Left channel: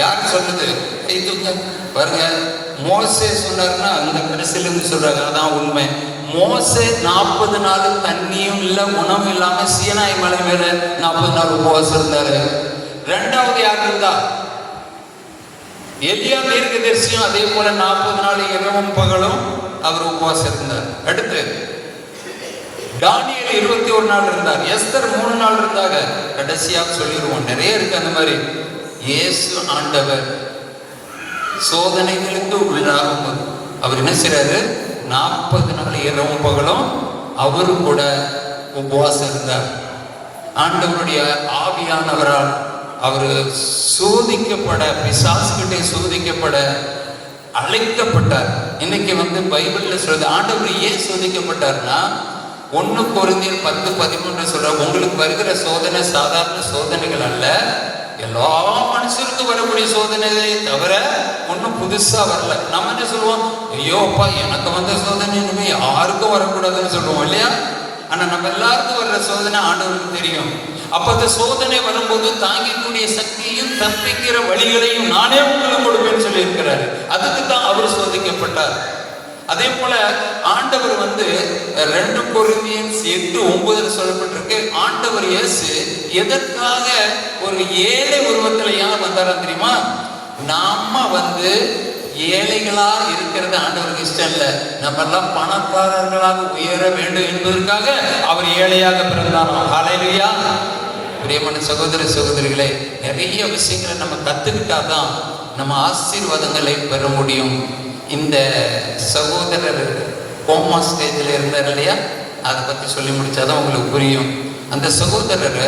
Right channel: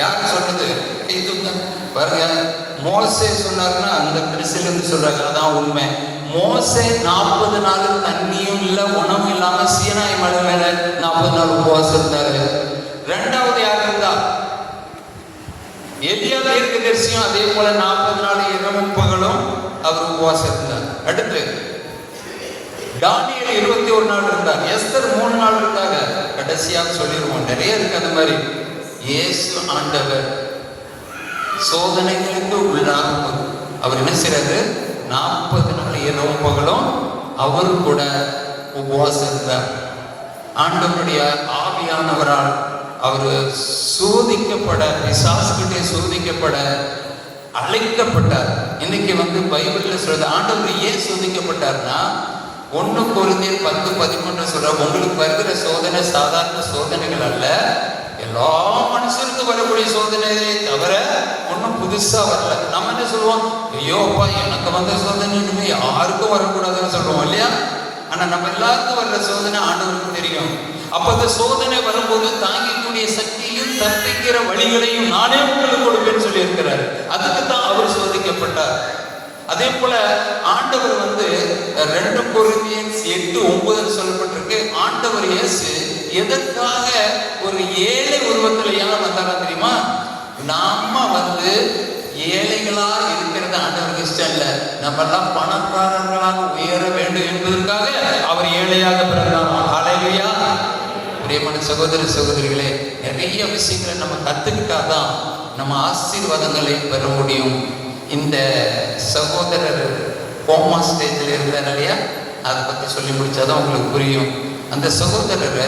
யார் சொல்றது? இது பாருங்க, மோசே சொன்னாருன்னா அந்த பெருசிலிருந்து சொல்றாங்க, அதுதான் உண்மை. மோசே 40 நாள் தண்ணியும் இல்லை உணவும் இல்லாம சீனாய் மலை மேல 40 நாள் உபவாசம் இருந்தாரு. ரெண்டாவது யார் இருந்தா? எலியா தீர்க்கதரிசியும் அதே போல 40 நாள் இரவும் பகலும் அவர் உபவாசம் இருந்தார். அடுத்து தானியேல் 21 நாள் இருந்தார். எஸ்தர் 3 நாள் இருந்தாங்க. கடைசியாக சொல்லிடுவோம், நிறைய இருக்கு அந்த மாதிரி. இயேசு ஆண்டவர் சோதனைகளுக்கு உள்ளாகும். அவர் என்ன செய்றாரு? 40 நாள் இரவும் பகலும் அவரு கூட உபவாசம் இருந்தார். ஆண்டவருடைய ஆவியானவரால் அவர் சோதிக்கப்பட, பிசாசுகிட்டே சோதிக்கப்பட அழைக்கப்பட்டார். இன்னைக்கு பைபிள்ல சொல்றது, ஆண்டவர் ஏன் சோதிக்கப்பட்டார்னா 1 கொரிந்தியர் 10:13 சொல்ற, உங்களுக்கு வருகிற சோதனை சாதாரண சோதனைகள் அல்ல, எல்லா மனுஷருக்கு வரக்கூடிய சோதனைகளை தவிர ஒன்றும் புதுசா வரல. நம்ம என்ன சொல்லுவோம்? ஐயோப்பா எனக்கு வந்த சோதனை இனிமே யாருக்கும் வரக்கூடாதுன்னு சொல்லுவோம் இல்லையா? ஆனா நம்ம எல்லாருக்கும் வர்ற சோதனை ஆண்டவருக்கு தெரியும். அப்ப அந்த சோதனை வரும்போது தாங்கிக்கூடிய சக்தியும் தப்பிக்கிற வழிகளையும் நானே உங்களுக்கு கொடுப்பேன்னு சொல்லி இருக்கிறார். அதுக்கு தான் அவர் சோதிக்கப்பட்டார். அதே போல ஆண்டவர் 2 கொரிந்தியர் 8:9 சொல்லப்பட்டிருக்கு. ஆண்டவர் இயேசு எதற்காக ஒரு ஏழை உருவத்துல ஏன் வந்தாரா தெரியுமா? நாம ஏழைகளா இருக்கிறது ஆண்டவருக்கு இஷ்டம் இல்லை. நம்ம எல்லாம் பணக்காரர்களாக உயர வேண்டும் என்பதற்காக அவர் ஏழையாக பிறந்தார். ஹல்லேலூயா. பிரியமான சகோதர சகோதரிகளே, நிறைய விஷயங்களை நம்ம கத்துக்கிட்டாதான் நம்ம ஆசீர்வாதங்களை பெற முடியும். இந்த சகோதரர் கோமா ஸ்டேஜில் இருந்தார் இல்லையா, அதை பற்றி சொல்லி முடிச்சாதான் உங்களுக்கு புரியும். அந்த சகோதரர்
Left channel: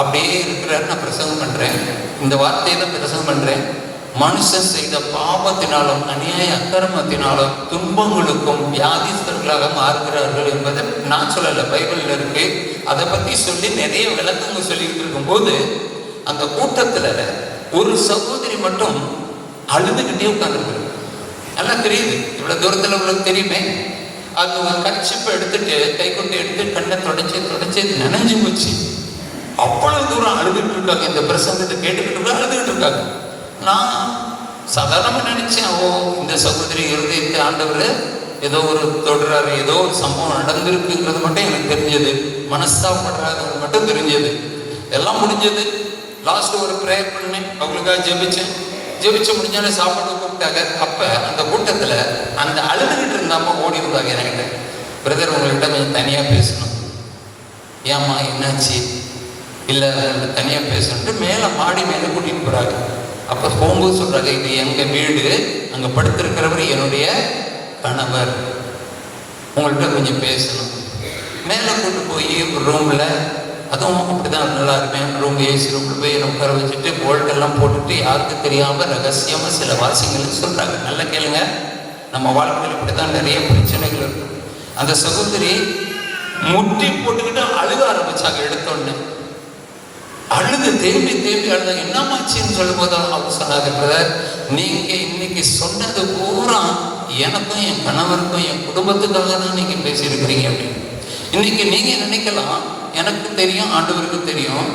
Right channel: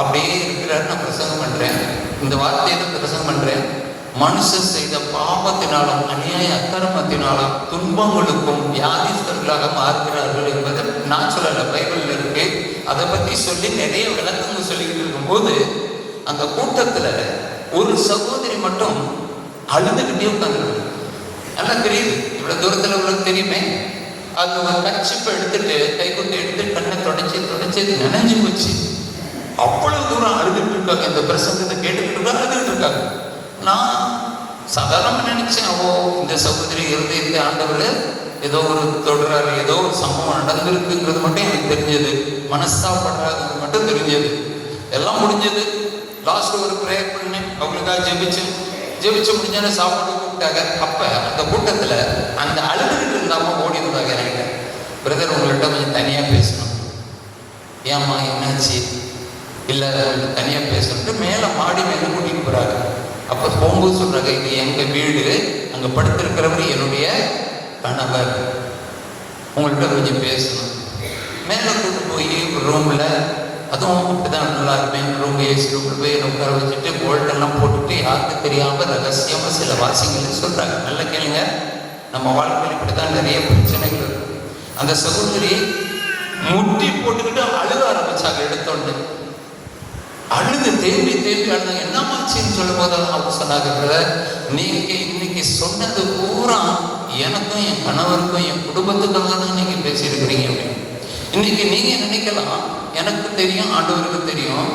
அப்படியே இருக்கிறார். நான் பிரசங்கம் பண்றேன், இந்த வார்த்தையை தான் பிரசங்கம் பண்றேன். மனுஷன் செய்த பாவத்தினாலும் அநியாய அக்கிரமத்தினாலும் துன்பங்களுக்கும் வியாதிஸ்தர்களாக மாறுகிறார்கள் என்பதை நான் சொல்லல, பைபிள்ல இருக்கு. அதை பத்தி சொல்லி நிறைய விளக்கங்கள் சொல்லிக்கிட்டு இருக்கும்போது அந்த கூட்டத்துல ஒரு சகோதரி மட்டும் அழுதுகிட்டே உட்கார்ந்துருக்கு. நல்லா தெரியுது, இவ்வளவு தூரத்துல உங்களுக்கு தெரியுமே. அது கட்சிப்பை எடுத்துட்டு கை கொண்டு எடுத்து கண்ணை தொடச்சி நனைஞ்சு போச்சு. அவ்வளவு தூரம் அழுதுட்டு இருக்காங்க. இந்த பிரசங்கத்தை கேட்டுக்கிட்டு அழுதுகிட்டு இருக்காங்க. நான் சாதாரணமா நினைச்சேன், இந்த சகோதரி இருதயத்தை ஆண்டவர் ஏதோ ஒரு தொடராரு, ஏதோ ஒரு சம்பவம் நடந்திருக்குங்கிறது மட்டும் எனக்கு தெரிஞ்சது. மனஸ்தாபடுறாங்க மட்டும் தெரிஞ்சது. எல்லாம் முடிஞ்சது. லாஸ்ட் ஒரு ப்ரேயர் பண்ணி அவங்களுக்காக ஜெபிச்சு முடிஞ்சாலே சாப்பாடு கூப்பிட்டாங்க. அப்ப அந்த கூட்டத்துல அந்த அழுதுகிட்டு இருந்தாம ஓடி வந்தாங்க என்கிட்ட. பிரதர், உங்கள்கிட்ட கொஞ்சம் தனியா பேசணும். ஏம்மா என்னாச்சு? இல்லை தனியா பேசணுன்ட்டு மாடி மேல கூட்டிட்டு போறாங்க. அப்ப போகும்போது சொல்றாங்க, இது எங்க வீடு, அங்க படுத்திருக்கிறவர் என்னுடைய கணவர், உங்கள்கிட்ட கொஞ்சம் பேசணும். மேல கூட்டு போய் ஒரு ரூம்ல, அதுவும் அப்படிதான் நல்லா இருப்பேன், ரூம் ஏசி ரூம் போய் உட்கார வச்சுட்டு போல்ட்டெல்லாம் போட்டுட்டு யாருக்கும் தெரியாம ரகசியமா சில வாசிகள் சொல்றாங்க. நல்லா கேளுங்க, நம்ம வாழ்க்கையில் இப்படிதான் நிறைய பிரச்சனைகள் இருக்கும். அந்த சகோதரி முட்டி போட்டுக்கிட்டு அழுக ஆரம்பிச்சாங்க. எடுத்தோன்னு அழுது தேம்பி அழுத. என்னமாச்சின்னு சொல்லும் போது அவங்க சொன்னாங்க, நீங்க இன்னைக்கு சொன்னது பூரா எனக்கும் என் கணவருக்கும் என் குடும்பத்துக்காக தான் நீங்க பேசியிருக்கிறீங்க அப்படின்னு. இன்னைக்கு நீங்க நினைக்கலாம், எனக்கு தெரியும், ஆண்டவருக்கு தெரியும்.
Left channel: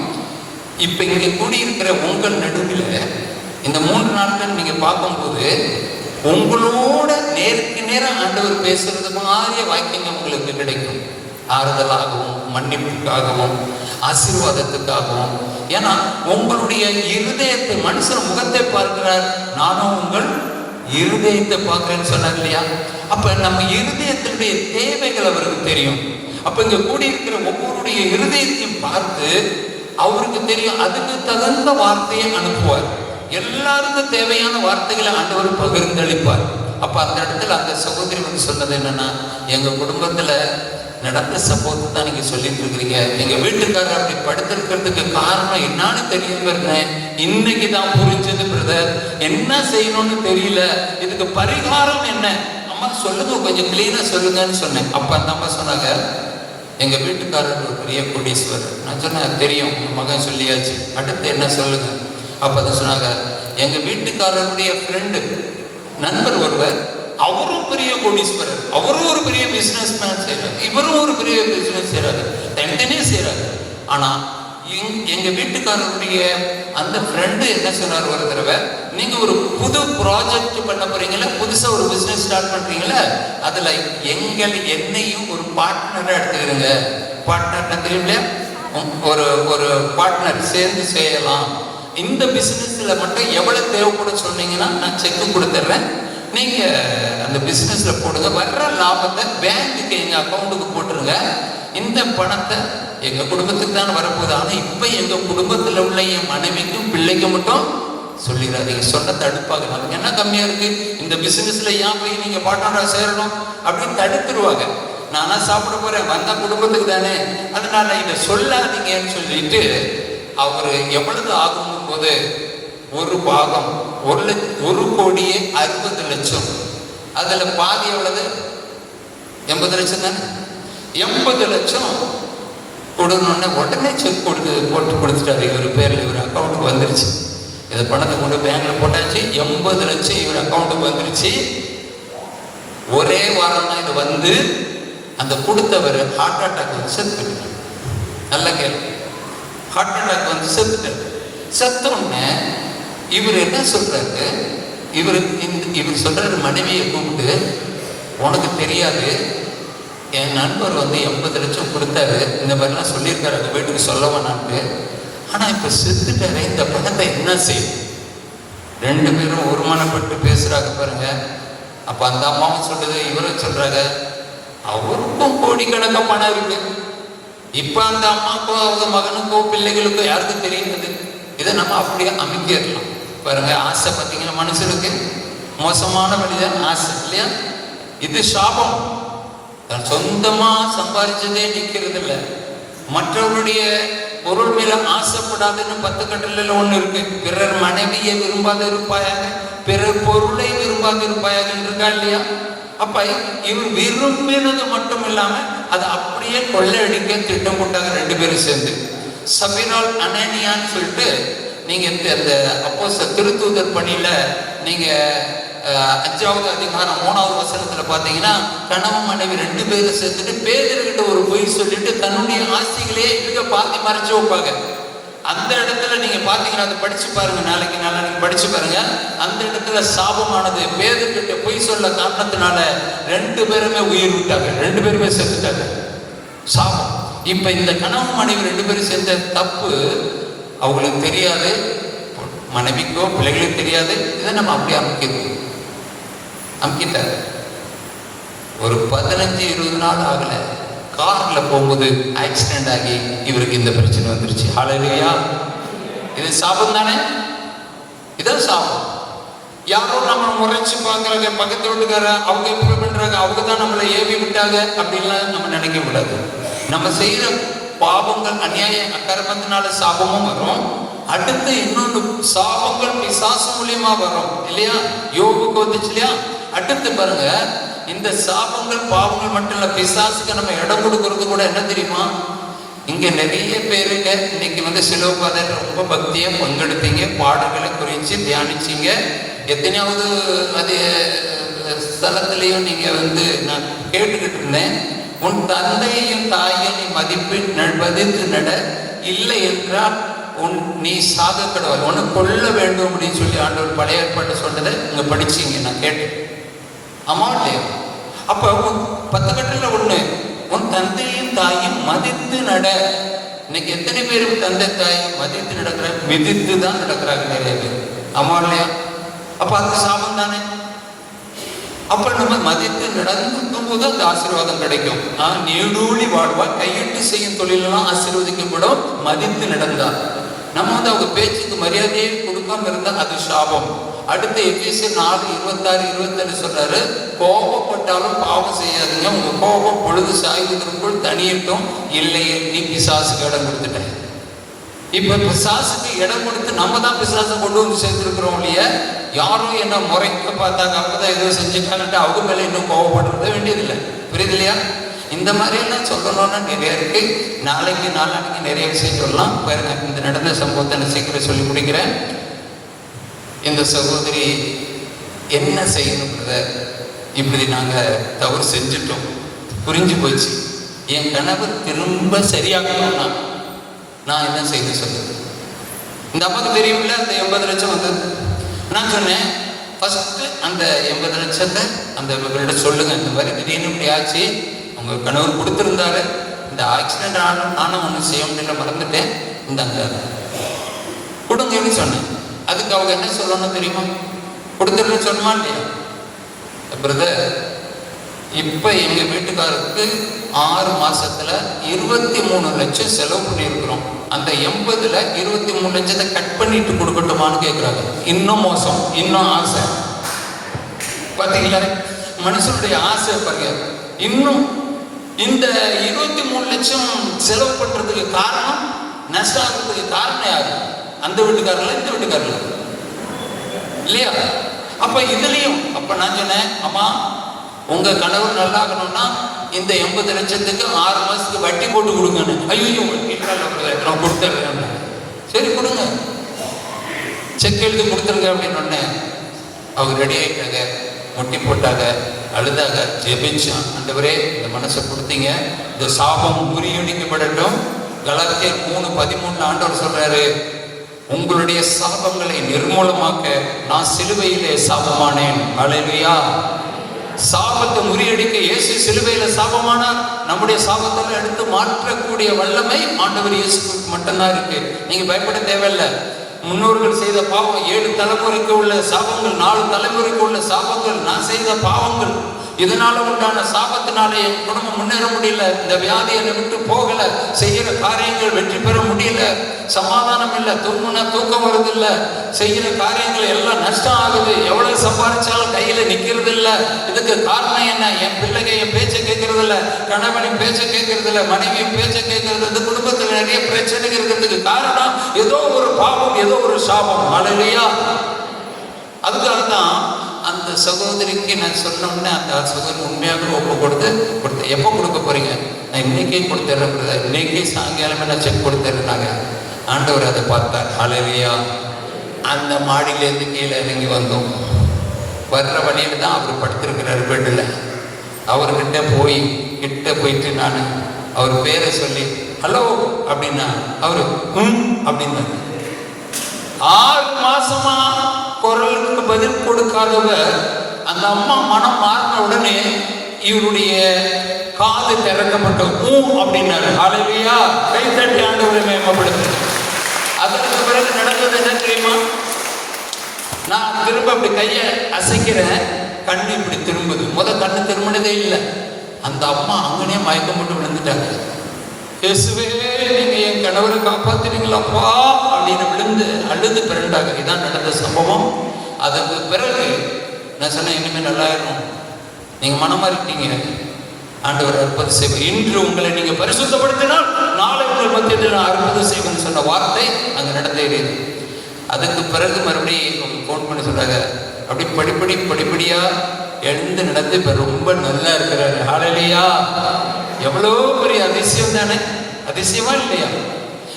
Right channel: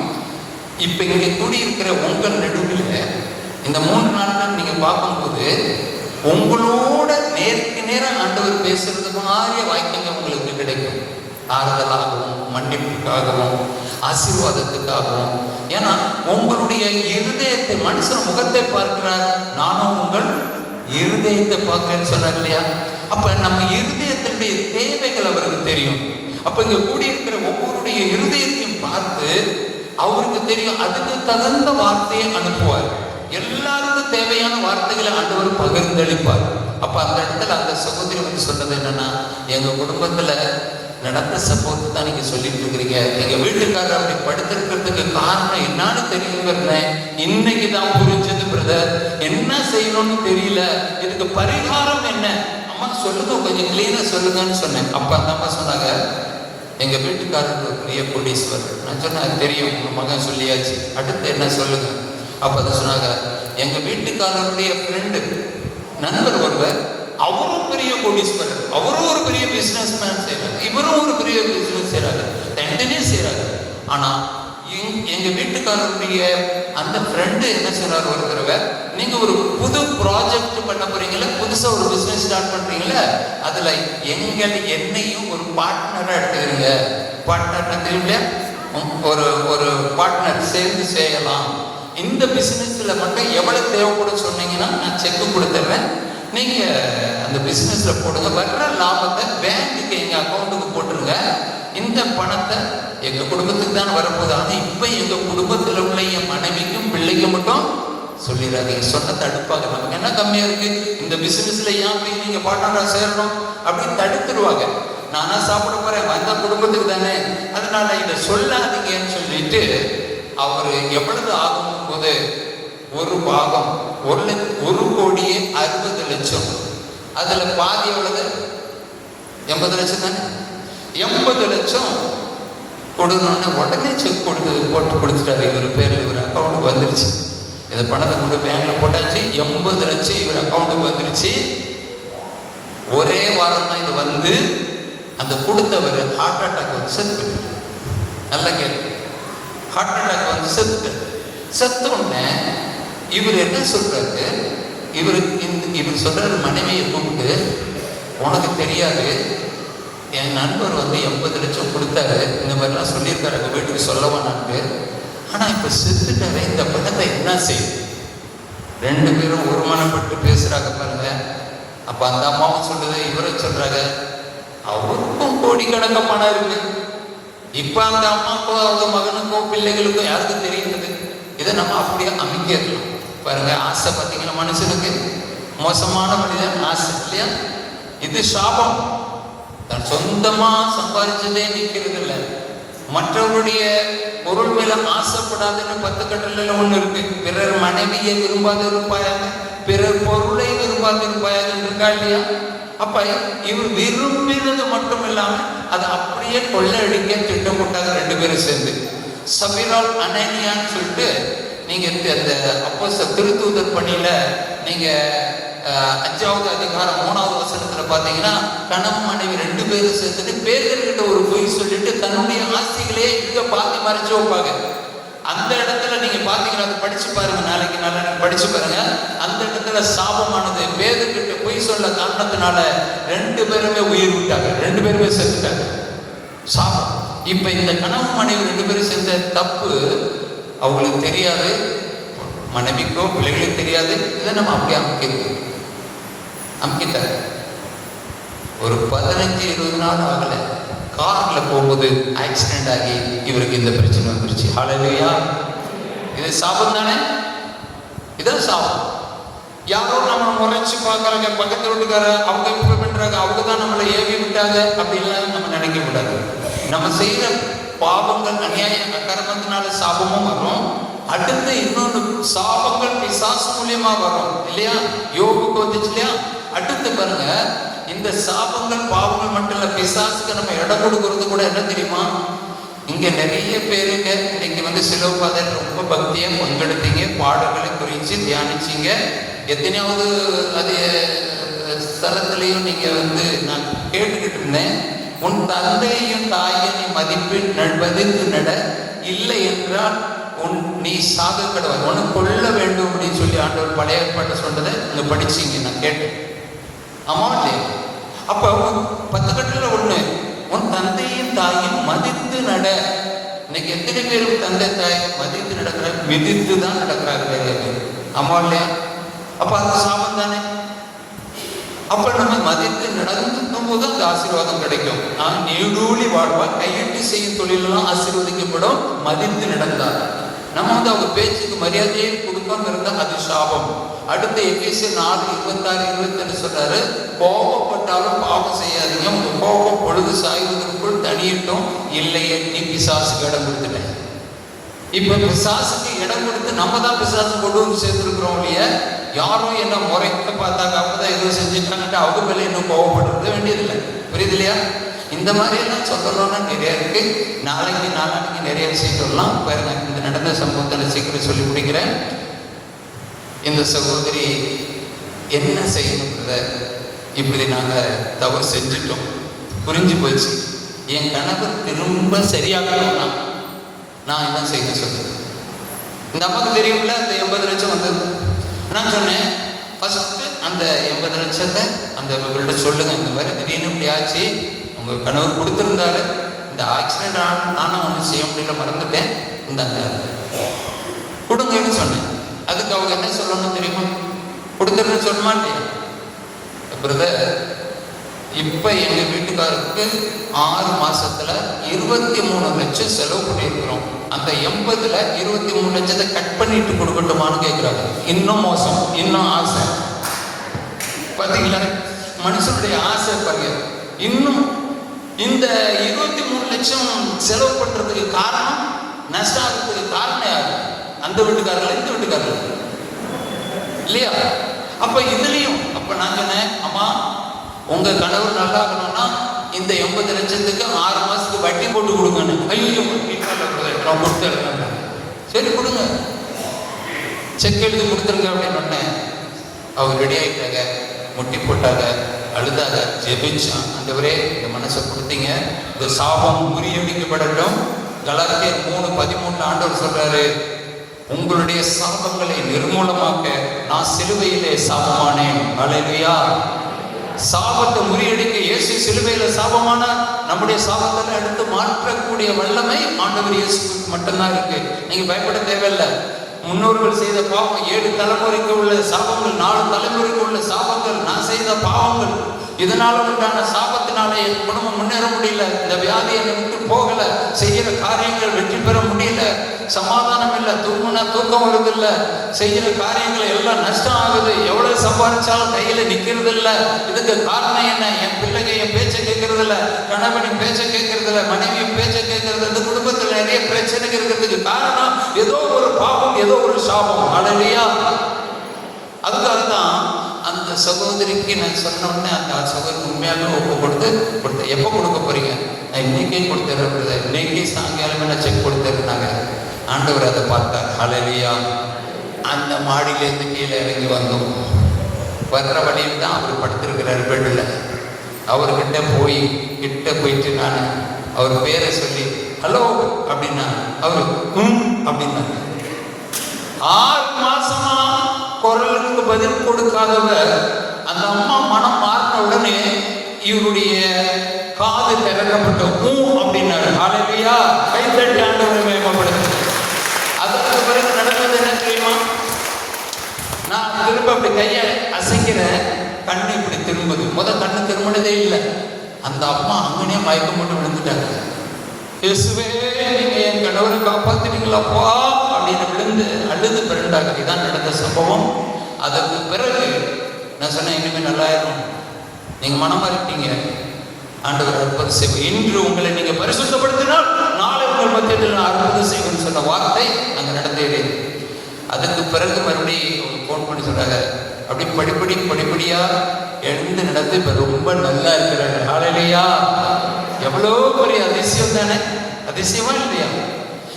இப்ப இங்க கூடியிருக்கிற உங்கள் நடுவில் இந்த 3 நாட்கள் நீங்க பார்க்கும்போது உங்களோட நேருக்கு நேரம் ஆண்டவர் பேசுறது மாதிரியே வாக்கியங்கள் உங்களுக்கு கிடைக்கும். ஆறுதலாகவும் மன்னிப்புக்காகவும் ஆசீர்வாதத்துக்காகவும். ஏன்னா உங்களுடைய இருதயத்தை, மனுஷன் முகத்தை பார்க்கிறார், நானும் உங்கள் இருதயத்தை பார்க்கிறேன்னு சொன்னார் இல்லையா? அப்ப நம்ம இருதயத்தினுடைய தேவைகள் அவருக்கு தெரியும். அப்ப இங்க கூடியிருக்கிற ஒவ்வொருடைய இருதயத்தையும் பார்த்து அவருக்கு தெரியும். அதுக்கு தகுந்த வார்த்தையை அனுப்புவார். எல்லாருக்கும் தேவையான வார்த்தைகளை ஆண்டவர் பகிர்ந்தளிப்பார். அப்ப அந்த இடத்துல அந்த சகோதரி சொன்னது என்னன்னா, எங்க குடும்பத்துல நடந்த சம்பவத்தை தான் நீங்க சொல்லிட்டு இருக்கிறீங்க. எங்க வீட்டுக்காரர் அப்படி படுத்திருக்கிறதுக்கு காரணம் என்னன்னு தெரியுது, இன்னைக்கு தான் புரிஞ்சது பிரதர். என்ன செய்யணும்னு தெரியல, இதுக்கு பரிகாரம் என்ன அம்மா சொல்லுங்க, கொஞ்சம் கிளீனா சொல்லுங்கன்னு சொன்னேன். அப்ப அந்த அம்மா சொன்னாங்க, எங்க வீட்டுக்காரருக்கு ஒரு பெரிய கோடீஸ்வரர். நான் சொன்னேன், தெரியும், மகன் சொல்லியாச்சு, அடுத்து என்ன சொல்லுங்க. அப்ப அதை சொன்னாங்க, எங்க வீட்டுக்காரருடைய ஃப்ரெண்டு, நண்பர் ஒருவர், அவரும் பெரிய கோடீஸ்வரர், அவரும் ஒரு பெரிய பிசினஸ் மேன் செய்யறாரு, இவரும் ஒரு பெரிய பிசினஸ் செய்யறாரு, தனித்தனியே செய்யறாரு. ஆனா எங்க வீட்டுக்காரருடைய அந்த ஃப்ரெண்டு என்ன சொல்றாரு ஒரு தடவை, நீங்க ஒரு புது ப்ராஜெக்ட் பண்ண போறீங்களா, புதுசா ஒரு பிசினஸ் ஸ்டார்ட் பண்றீங்களா, அதுல என்னையும் ஒரு பார்ட்னரா எடுத்துக்கிறீங்க. பார்ட்னர் தெரியல, ஒரு பார்ட்னர் சேர்ந்து செய்யலாம். இந்த பிசினஸ்ல மட்டும் எவ்வளவு தேவைப்படும் சொன்னீங்கன்னா நான் செக் கொடுத்துட்றேன், நீங்க அந்த பிசினஸ்ல போடுங்க, வர்ற லாபத்தை பேங்க்குக்கு எங்க அக்கௌண்ட்டுக்கு போட்டுருங்க, இந்த பணத்தை எங்க குடும்பத்துக்கு தான் வரப்போகுது, ஆனா இப்ப எங்க குடும்பத்துல உள்ள என் மனைவிக்கும் பிள்ளைக்கும் மட்டும் சொல்லிடாதீங்க, சொன்ன தடுப்பாங்க, நமக்கு என்ன கம்மியா இருக்கு, இந்த பிசினஸ்ல ஏன் போய் நீங்க பார்ட்னரா சேரணும் அப்படின்னு தடுத்துருவாங்க. நானா சாப்பிட போறேன், வந்த குடும்பத்துக்கு தானே, அதனால இதை சொல்லாதீங்கன்னு சொல்லிட்டு அவரு எவ்வளவு ஆகும் போது ஒரு பாகம் 1,60,00,000, அதுல பாதி எவ்வளவு, 80 லட்சம் தானே, 80 லட்சம் கொடுக்கணும்னு உடனே செக் போட்டு கொடுத்துட்டாரு. இவர் பேர்ல இவர் அக்கௌண்ட்டுக்கு வந்துருச்சு. இதை பணத்தை கொண்டு பேங்க்ல போட்டாச்சு, 80 லட்சம் இவர் அக்கௌண்ட்டுக்கு வந்துருச்சு. ஒரே வாரம் தான் இது வந்து அந்த கொடுத்தவர் ஹார்ட் அட்டாக் வந்து செத்து. நல்ல கேள்வி. ஹார்ட் அட்டாக் வந்து செத்த உடனே இவர் என்ன சொல்றாரு, இவர் சொல்றாரு மனைவியை கூப்பிட்டு, உனக்கு தெரியாது, என் நண்பர் வந்து 80 லட்சம் கொடுத்தாரு, இந்த மாதிரிலாம் சொல்லியிருக்காரு, அந்த வீட்டுக்கு சொல்ல வேணான்ட்டு, ஆனா இப்ப செத்துட்டாரு, இந்த பணத்தை என்ன செய்யும்? 2 பேரும் ஒருமனப்பட்டு பேசுறாங்க பாருங்க. அப்ப அந்த அம்மாவும் சொல்லுது, இவரும் சொல்றாங்க, அவருக்கும் கோடிக்கணக்க பணம் இருக்கு, இப்ப அந்த அம்மாக்கோ அவங்க மகனுக்கோ பிள்ளைகளுக்கோ யாருக்கும் தெரியுது. இதை நம்ம அப்படியே அமைக்கிறோம் பாருங்க. ஆசை பார்த்தீங்கன்னா மனுஷனுக்கு மோசமான மனிதன் ஆசை இல்லையா? இது சாபம். தன் சொந்தமா சம்பாதிச்சதே நிக்கிறது இல்லை, மற்றவருடைய பொருள் மேல ஆசைப்படாதுன்னு 10 கட்டளையில ஒண்ணு இருக்கு. பிறர் மனைவியை விரும்பாது இருப்பாயாக, பிறர் பொருளை விரும்பாது இருப்பாயாக இருக்கா இல்லையா? அப்ப இவர் விரும்பினது மட்டும் இல்லாம அதை அப்படியே கொள்ளையடிக்க திட்டம் போட்டாங்க 2 பேரும் சேர்ந்து. சபிரால் அனனியான்னு சொல்லிட்டு, நீங்க அந்த அப்போஸ்தலர் திருத்தூதர் பணியில நீங்க 5வது அதிகாரம் 3வது வசனத்துல பாத்தீங்கன்னா, கணவன் மனைவி 2 பேரும் சேர்ந்துட்டு பேதுருகிட்ட ஒரு பொய் சொல்லிட்டு தன்னுடைய ஆசைகளே இங்க பாத்தி மறைச்சு வைப்பாங்க. அந்த இடத்துல நீங்க பாத்தீங்கன்னா, அதை படிச்சு பாருங்க, நாளைக்கு படிச்சு பாருங்க. அந்த இடத்துல சாபமானது பேதுருகிட்ட பொய் சொல்ல காரணத்தினால 2 பேருமே உயிர் விட்டாங்க, 2 பேருமே செத்துட்டாங்க. சாபம். இப்ப இந்த கணவன் மனைவி 2 பேரும் செஞ்ச தப்பு அவங்களுக்கு தெரியாது, மனைவிக்கோ பிள்ளைகளுக்கு தெரியாது. இதை நம்ம அப்படியே அமுக்கிட்டாரு. ஒரு 15-20 நாள் ஆகல, கார்ல போகும்போது ஆக்சிடென்ட் ஆகி இவருக்கு இந்த பிரச்சனை வந்துருச்சு. ஹல்லேலூயா. இது சாபம் தானே? இதான் சாபம். யாரோ நம்ம முறைச்சு பார்க்கறாங்க, பக்கத்து வீட்டுக்கார அவங்க இப்படி பண்றாங்க, அவங்க தான் நம்மளை ஏவி விட்டாங்க அப்படின்லாம் நம்ம நினைக்க கூடாது. நம்ம செய்யற பாவங்கள் அநியாய அக்கிரமத்தினால சாபமும் வரும். அடுத்து இன்னொரு சாபங்கள் பிசாசு மூலியமா வரும் இல்லையா? யோகுக்கு வந்துச்சு இல்லையா? அடுத்து பாருங்க, இந்த சாபங்கள் பாவங்கள் மட்டும் இல்ல, பிசாசுக்கு நம்ம இடம் கொடுக்கறது கூட என்ன தெரியுமா? இங்க நிறைய பேருங்க இன்னைக்கு வந்து சிலுவைப்பாதையில ரொம்ப பக்தியா பங்கெடுத்தீங்க, பாடல்களை குறிச்சு தியானிச்சீங்க. எத்தனையாவது அது ஸ்தலத்திலையும் நீங்க வந்து நான் கேட்டுக்கிட்டு இருந்தேன், உன் தந்தையும் தாயும் நீ மதித்து நட, இல்லை என்றால் நீ சாக கடவுள் உன்னை கொல்ல வேண்டும் அப்படின்னு சொல்லி ஆண்டவர் பழைய ஏற்பாட்டை சொன்னதை இங்க படிச்சீங்க, நான் கேட்டேன். ஆமா இல்லையா? அப்ப 10 கட்டளை ஒண்ணு, உன் தந்தையும் தாயும் மதித்து நட. இன்னைக்கு எத்தனை பேரும் தந்தை தாய் மதித்து நடக்கிறாங்க? மிதித்து தான் நடக்கிறாங்க நிறைய பேர். ஆமா இல்லையா? அப்ப அது சாபம் தானே. அப்ப நம்ம மதித்து நடந்துக்கும் போது அந்த ஆசீர்வாதம் கிடைக்கும். நீடூழி வாழ்வா, கையிட்டு செய்யும் தொழிலெல்லாம் ஆசீர்வதிக்கப்படும் மதித்து நடந்தா. நம்ம வந்து அவங்க பேச்சுக்கு மரியாதையை கொடுக்காம இருந்தா அது சாபம். அடுத்த எபேசியர் 4:26-27 சொல்றாரு, கோபப்பட்டாலும் பாவம் செய்யாதீங்க, உங்க கோபம் பொழுது சாய்வதற்குள் தனியிட்டும், இல்லையே நீ பிசாசுக்கு இடம் கொடுத்துட்டேன். இப்ப பிசாசுக்கு இடம் கொடுத்து நம்ம தான் பிசாசு கொண்டு வந்து சேர்த்துருக்கிறோம் இல்லையா? யாரும் என்ன முறைக்க பார்த்தாங்க, அவங்கதான் ஏதோ செஞ்சுட்டாங்கட்டு அவங்க மேல இன்னும் கோவப்படுறது வேண்டியதில்லை. புரியுது இல்லையா? இந்த மாதிரி எல்லாம் சொல்லணும்னா நிறைய இருக்கு. நாளைக்கு நிறைய விஷயம் சொல்லலாம். பாருங்க, இந்த நடந்த சம்பவத்தை நான் சீக்கிரம் சொல்லி முடிக்கிறேன். இந்த சகோதரி என்ன செய்யணுன்றத, இப்படி நாங்க தவறு செஞ்சுட்டோம், புரிஞ்சு போச்சு. என் கனவு திரும்ப சரியாகணும்னா நான் என்ன செய்ய சொல்றது? இந்த அம்மாவுக்கு தெரியும்ல அந்த 80 லட்சம் வந்தது. நான் சொன்னேன், ஃபஸ்ட்டு அந்த 80 லட்சத்தை அந்த இவர்கிட்ட சொல்லுங்க, இந்த மாதிரி திடீர்னு இப்படி ஆச்சு, உங்கள் கணவர் கொடுத்துருந்தாரு, இந்த ஆக்சிடென்ட் ஆனால் ஒன்றும் செய்ய முடியல, மறந்துட்டேன், இந்தாங்க கொடுங்கன்னு சொன்னேன். அதுக்கு அவங்க என்ன சொல்லணும் தெரியுமா? கொடுத்துருன்னு சொன்னமா இல்லையா? பிரதர், இப்போ எங்கள் வீட்டுக்காரருக்கு 6 மாசத்துல 23 லட்சம் செலவு பண்ணியிருக்கிறோம். அந்த 80ல் 23 லட்சத்தை கட் பண்ணிட்டு கொடுக்கட்டுமான்னு கேட்குறாங்க. இன்னும் மோசம், இன்னும் ஆசை. பார்த்தீங்களா மனுஷனுடைய ஆசை பாருங்க. இன்னும் இந்த 23 லட்சம் செலவு பண்றதுக்கு காரணம், நஷ்டம் ஆகிறதுக்கு காரணம் யாரு? அந்த வீட்டுக்காரர்கள், இந்த வீட்டுக்காரர்கள் இல்லையா? அப்ப இதுலயும் அப்ப நான் சொன்னேன், அம்மா உங்க கணவர் நல்லா இருக்கணும்னா இந்த 80 லட்சத்துக்கு 6 மாசத்துக்கு வட்டி போட்டு கொடுங்கன்னு. ஐயோ நான் கொடுத்துருக்கேன். சரி கொடுங்க, செக் எழுதி கொடுத்துருங்க அப்படின்னு சொன்னேன். அவங்க ரெடி ஆகிட்டாங்க, முட்டி போட்டாங்க, அழுதாக, ஜெபிச்சான். ஆண்டவரே இந்த மனசை கொடுத்தீங்க, இந்த சாபம் முறியடிக்கப்படட்டும். கலாத்தியர் 3:13 ஆண்டவர் சொல்றாரு, உங்களுடைய சாபங்களை நிர்மூலமாக்க நான் சிலுவையிலே சாபமானேன். அல்லேலூயா. சாபத்தை முறியடிக்க இயேசு சிலுவையில சாபமானார். நம்முடைய சாபத்தை எடுத்து மாற்றக்கூடிய வல்லமை ஆண்டவர் இயேசுக்கு மட்டும்தான் இருக்கு. நீங்க பயப்பட தேவையில்லை. முன்னோர்கள் செய்த பாவம் 7 தலைமுறைக்கு உள்ள சாபங்கள், 4 தலைமுறைக்கு உள்ள சாபங்கள், நான் செய்த பாவங்கள், இதனால உண்டான சாபத்தினாலே என் குடும்பம் முன்னேற முடியல, இந்த வியாதி என்னை விட்டு போகல, செய்யற காரியங்கள் வெற்றி பெற முடியல, சமாதானம் இல்லை, தூக்கம் வருது இல்லை, செய்யற காரியங்கள் எல்லாம் நஷ்டம் ஆகுது, எவ்வளவு சம்பாதிச்சாலும் கையில நிக்கிறது இல்லை. இதுக்கு காரணம் என்ன? என் பிள்ளைங்க என் பேச்சை கேட்கறது இல்லை, கணவனின் பேச்சை கேட்கறது இல்லை, மனைவியின் பேச்சை கேட்கறது, இந்த குடும்பத்தில் நிறைய பிரச்சனைகள் இருக்கிறதுக்கு காரணம் ஏதோ ஒரு பாவம், ஏதோ ஒரு சாபம். அல்லேலூயா. அதுக்காக தான் அந்த சகோதரிக்கு நான் சொன்னோம்னே அந்த சகோதரி உண்மையாக ஒப்பு கொடுத்து எப்போ கொடுக்க போறீங்க? நான் இன்னைக்கே கொடுத்துறேன், இன்னைக்கே சாயங்காலமே நான் செக் கொடுத்துருந்தாங்க. ஆண்டவர் அதை பார்த்தார். அல்லேலூயா. அந்த மாடியிலேருந்து கீழே இறங்கி வந்தோம். வர்ற வழியில் தான் அவர் படுத்திருக்கிறார் வீட்டில். அவர்கிட்ட போயிட்டு நான் அவர் பேரை சொல்லி ஹலோ அப்படின்னா அவர் அப்படின்னாரு. 6 மாசமா குரலுக்கு பதில் கொடுக்காதவர் அந்த அம்மா மனம் மாறின உடனே இவருடைய காது திறக்கப்பட்ட அப்படின்னாரு. அல்லேலூயா. கை தட்டி ஆண்டவரை மேம்படுத்து. அதற்கு பிறகு நடந்தது என்ன தெரியுமா? நான் திரும்ப அப்படி கையை அசைக்கிறேன், கண்ணு இப்படி திரும்புது. கண்ணு திரும்பினதே இல்லை. அந்த அம்மா அங்கனே மயக்கம் போட்டு விழுந்துட்டாங்க. இயேசுவே, நீங்க என் கணவரை காப்பாத்துறீங்களாப்பா அப்படின்னு விழுந்து அழுது பிறண்டாங்க. இதான் நடந்த சம்பவம். அதுக்கு பிறகு நான் சொன்னேன், இனிமேல் நல்லா இருக்கணும், நீங்க மனமா இருக்கீங்க, ஆண்டவர் அற்புதம் செய்வார். இன்று உங்களை நீங்க பரிசுத்தப்படுத்தினால் நாளை உங்கள் மத்தியத்தில் நான் அற்புதம் செய்வேன்னு சொன்ன வார்த்தை அங்க நடந்தேறியது. அதுக்கு பிறகு மறுபடியும் ஃபோன் பண்ணி சொன்னாங்க, அப்படி படிப்படியா எழுந்து நடந்து இப்ப ரொம்ப நல்லா இருக்கிறாரு. அல்லேலூயா. எவ்வளோ பெரிய அதிசயம் தானே, அதிசயமா இல்லையா?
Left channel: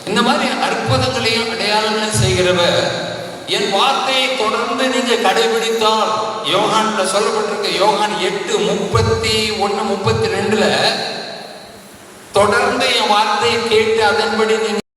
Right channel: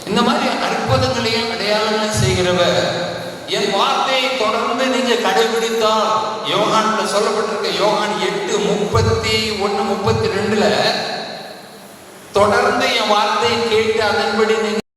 இந்த மாதிரி அற்புதங்களையும் அடையாளங்களையும் செய்கிறவர் என் வார்த்தையை தொடர்ந்து நீங்க கடைபிடித்தால், யோகான்ல சொல்லப்பட்டிருக்க யோகான் 8:31-32 தொடர்ந்து என் வார்த்தையை கேட்டு அதன்படி